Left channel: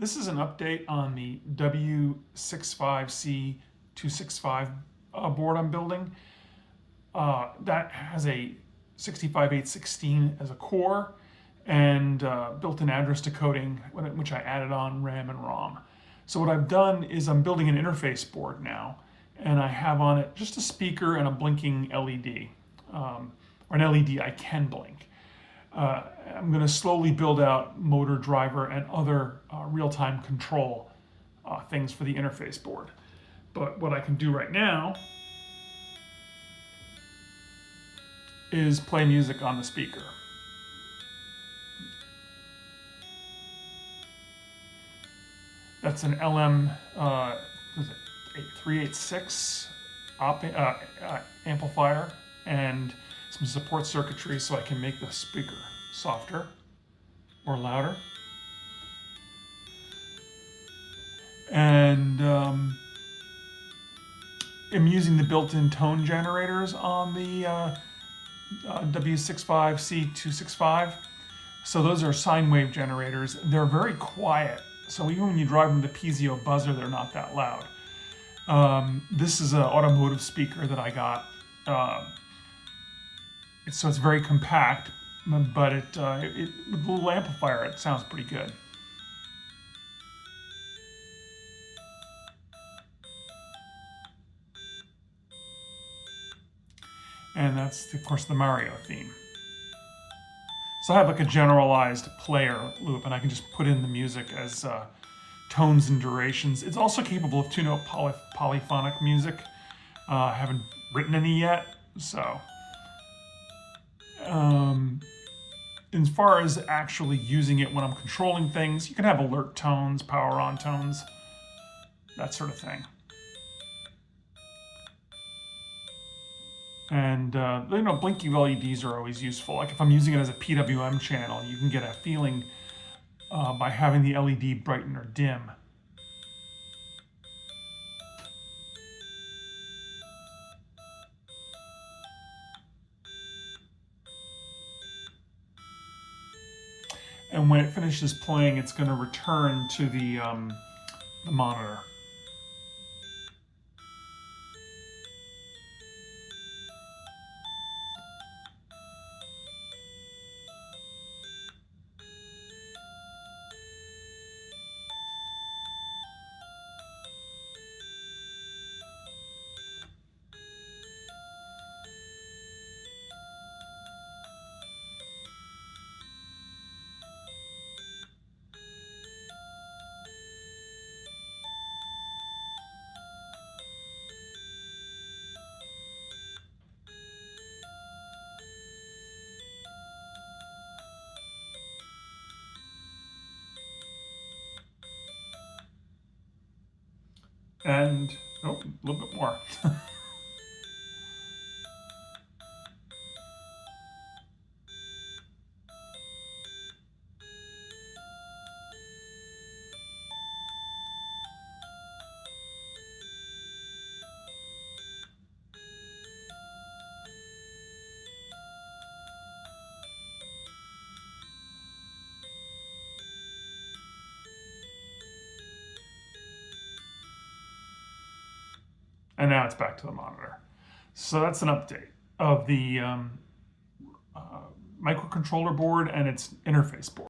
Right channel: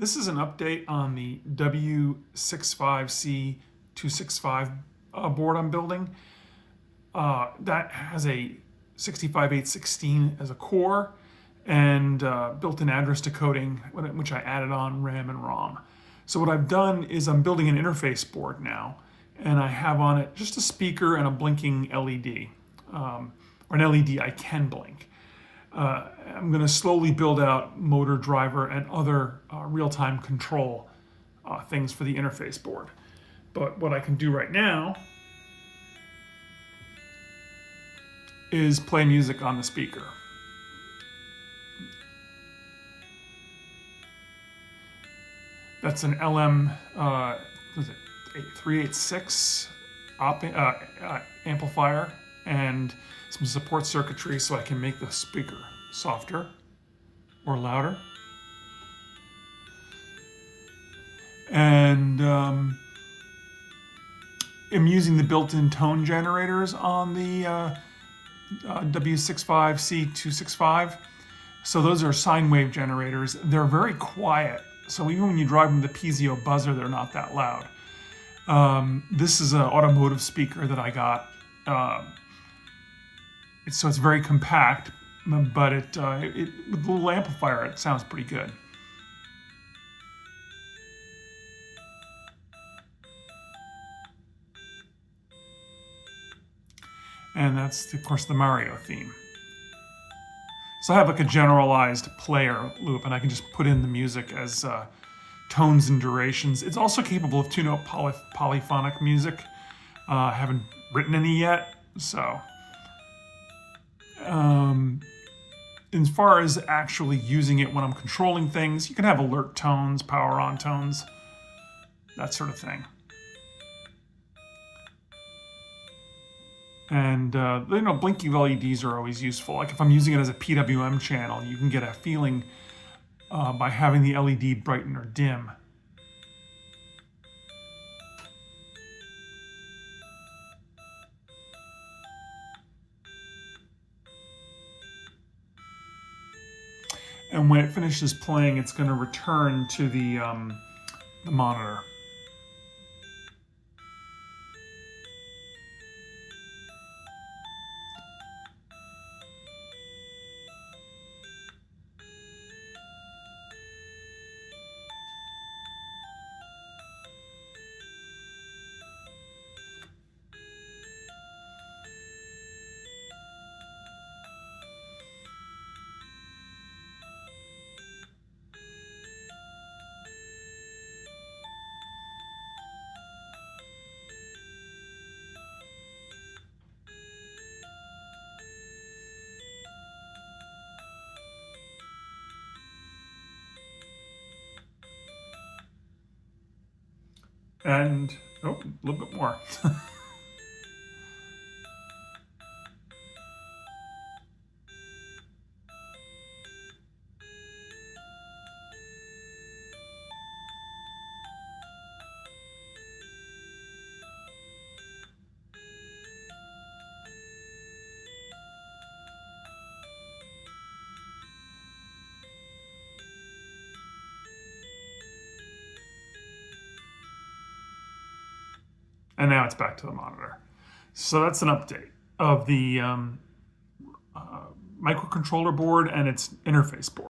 This is an update on the W65c265 board I'm building. That has a 65816 as a core and built-in address decoding, which I added on RAM and ROM. So what I've done is I'm building an interface board now, and I have on it just a speaker and a blinking LED, or an LED I can blink. I'm going to slowly build out motor, driver, and other real-time control things for the interface board. But what I can do right now is play music on the speaker. That's an LM 386 amplifier and some support circuitry so I can make the speaker softer or louder. And I'm using the built-in tone generators on the W65c265. So those are sine wave generators. They're very quiet. So even when you drive them the piezo buzzer, they're not that loud. This is an automotive speaker that I got. So it's very compact, but with the little amplifier, it sounds pretty good. And that's, of course, the Mario theme. So I have like a generalized player loop, and I can just put in the music as tones and durations. It's also capable of two-note polyphonic music. I haven't written any yet, so. As far as actually using it when I'm controlling things, you can have alert tones, power on tones, that sort of thing. And blinking LEDs are always useful. Like if I'm using it as a PWM channel, you can get a feeling by having the LED brighten or dim. And when it finishes playing, it's going to return to the monitor. And, oh, a little bit more. And now it's back to the monitor. So that's an update of the microcontroller board and its interface board.